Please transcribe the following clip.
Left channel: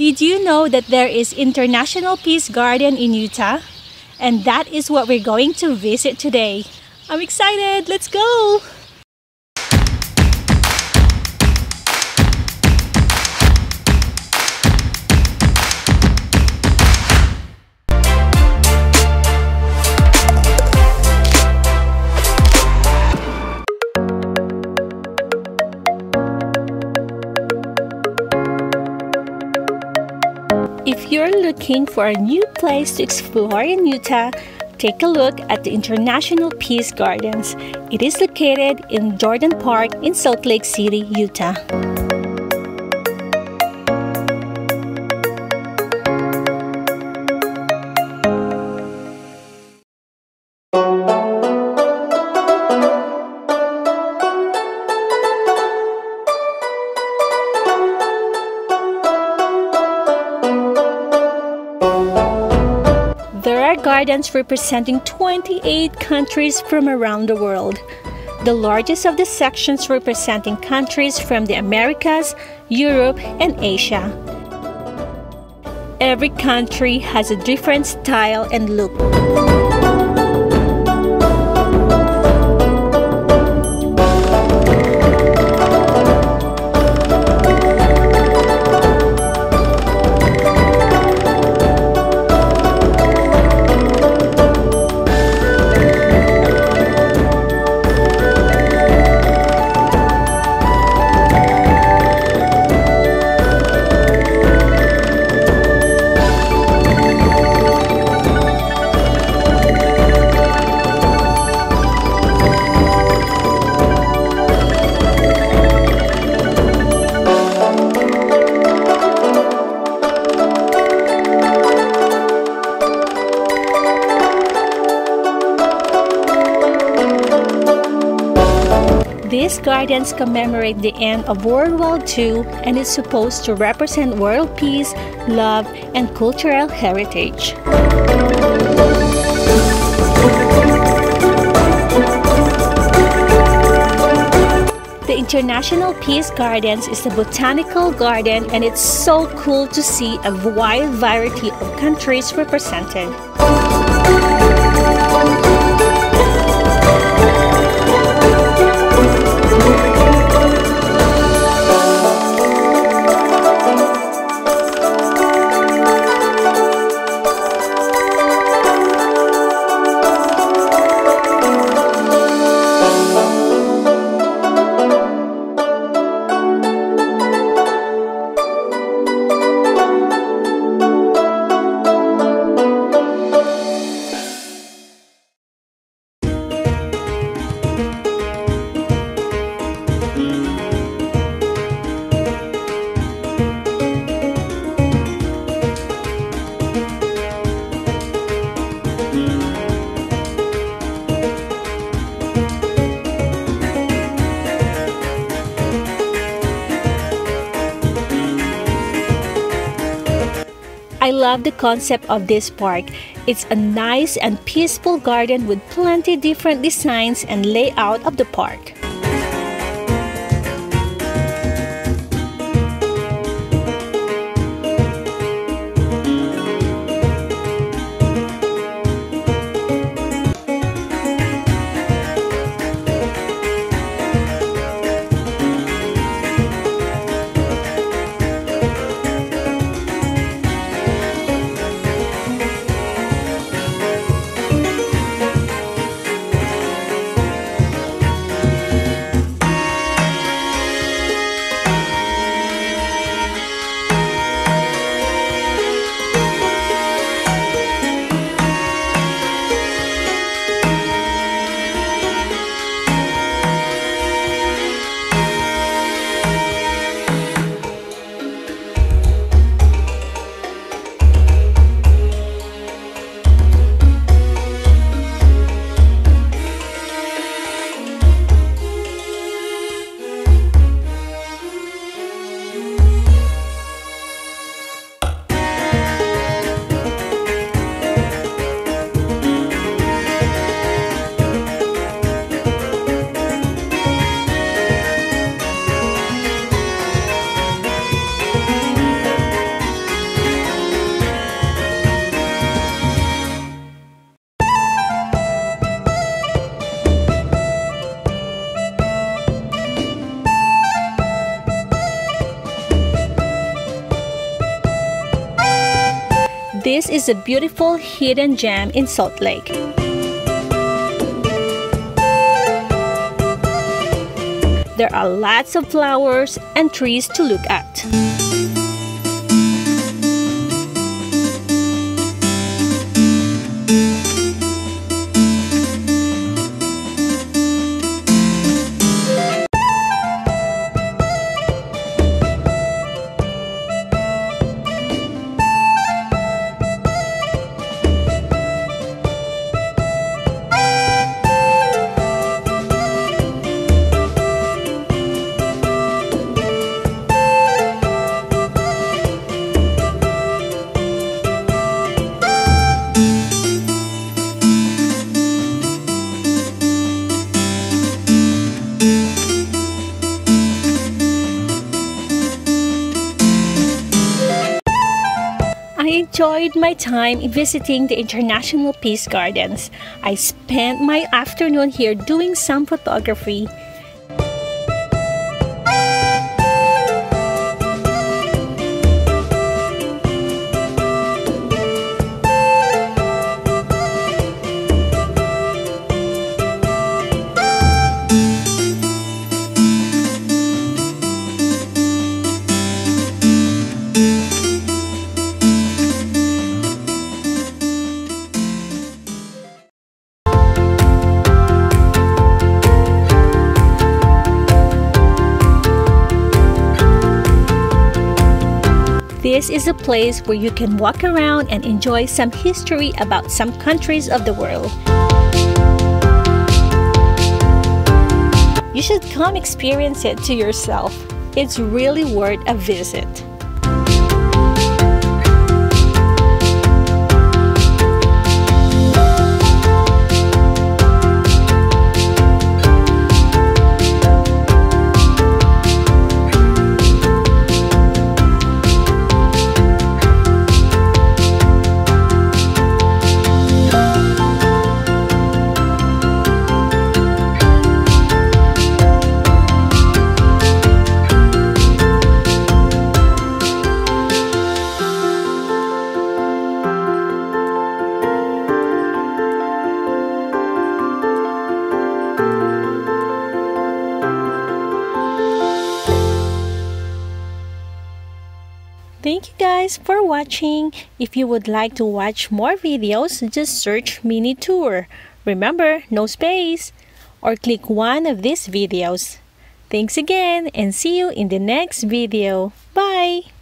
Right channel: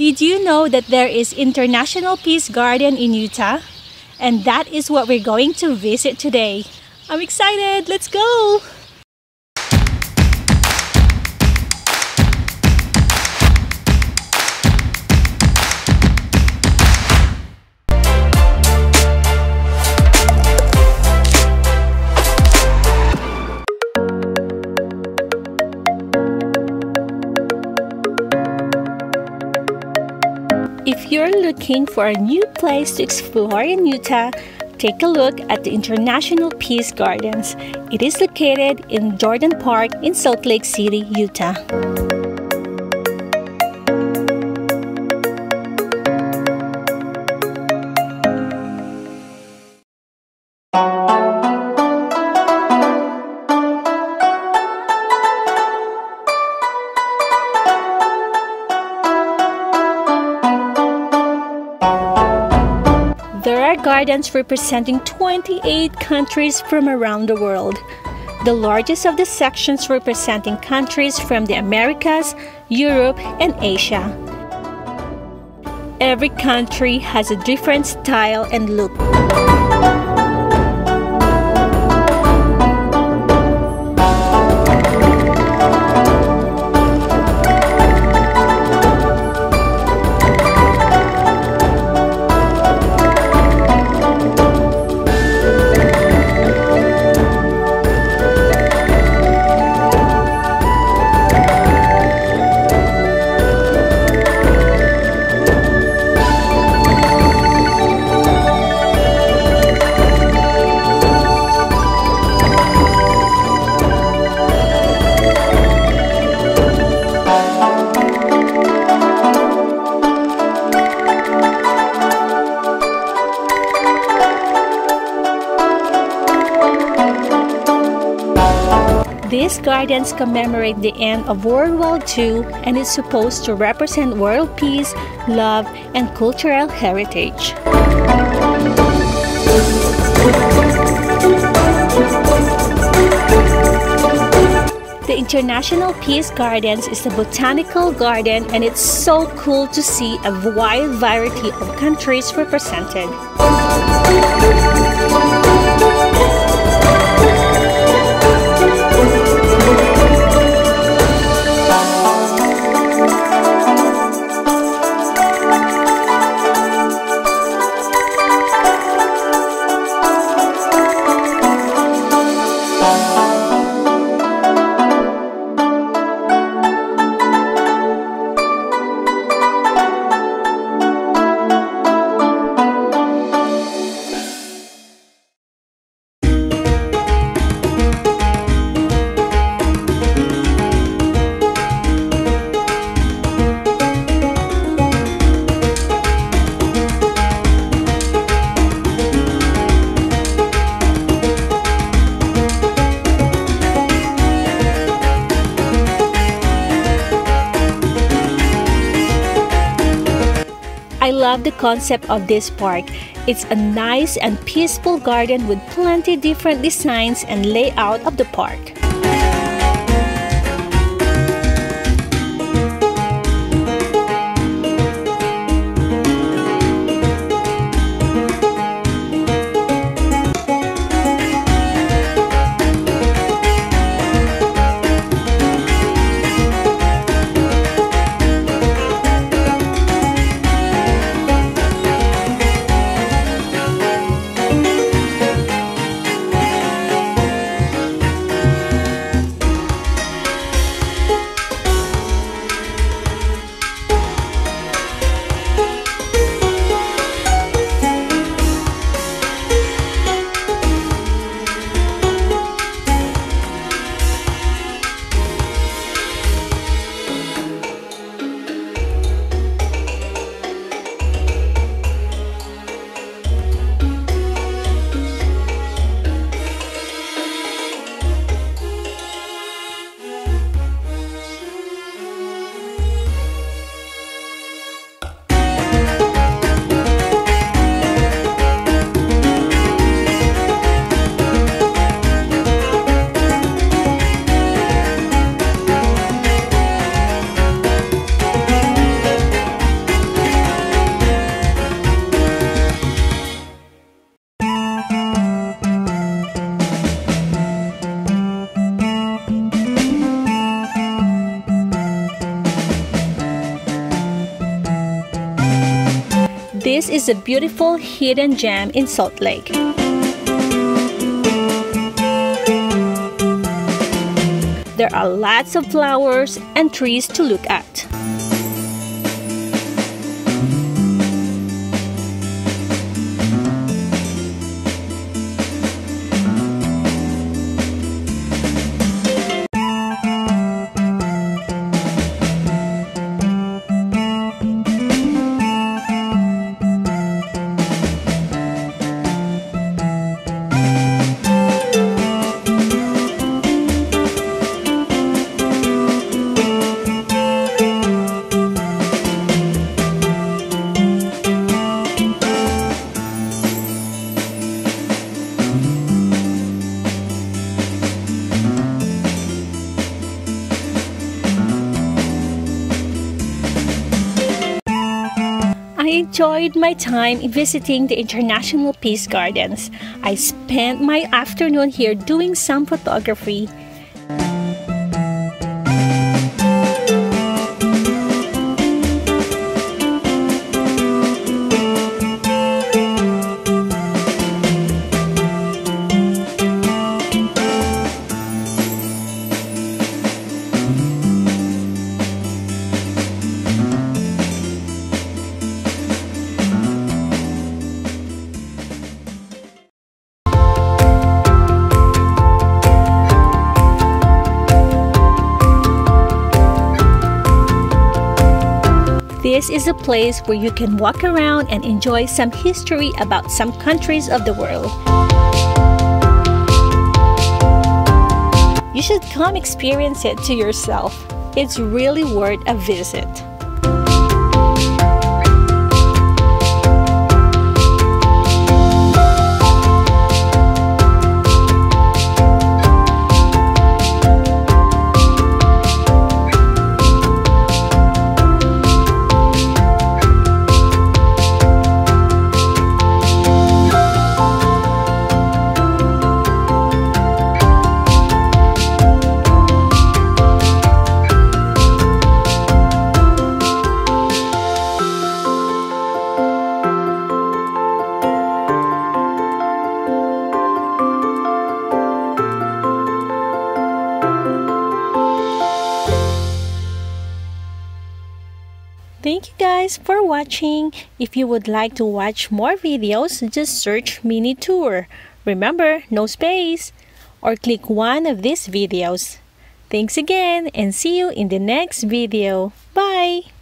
Did you know that there is International Peace Garden in Utah? And that is what we're going to visit today. I'm excited! Let's go! If you're looking for a new place to explore in Utah, take a look at the International Peace Gardens. It is located in Jordan Park in Salt Lake City, Utah. There are gardens representing 28 countries from around the world. The largest of the sections representing countries from the Americas, Europe, and Asia. Every country has a different style and look. These gardens commemorate the end of World War II and is supposed to represent world peace, love, and cultural heritage. The International Peace Gardens is a botanical garden, and it's so cool to see a wide variety of countries represented. I love the concept of this park. It's a nice and peaceful garden with plenty different designs and layout of the park. This is a beautiful hidden gem in Salt Lake. There are lots of flowers and trees to look at. I enjoyed my time visiting the International Peace Gardens. I spent my afternoon here doing some photography. This is a place where you can walk around and enjoy some history about some countries of the world. You should come experience it to yourself. It's really worth a visit. Thank you guys for watching. If you would like to watch more videos, just search MinuteTour. Remember, no space. Or click one of these videos. Thanks again and see you in the next video. Bye!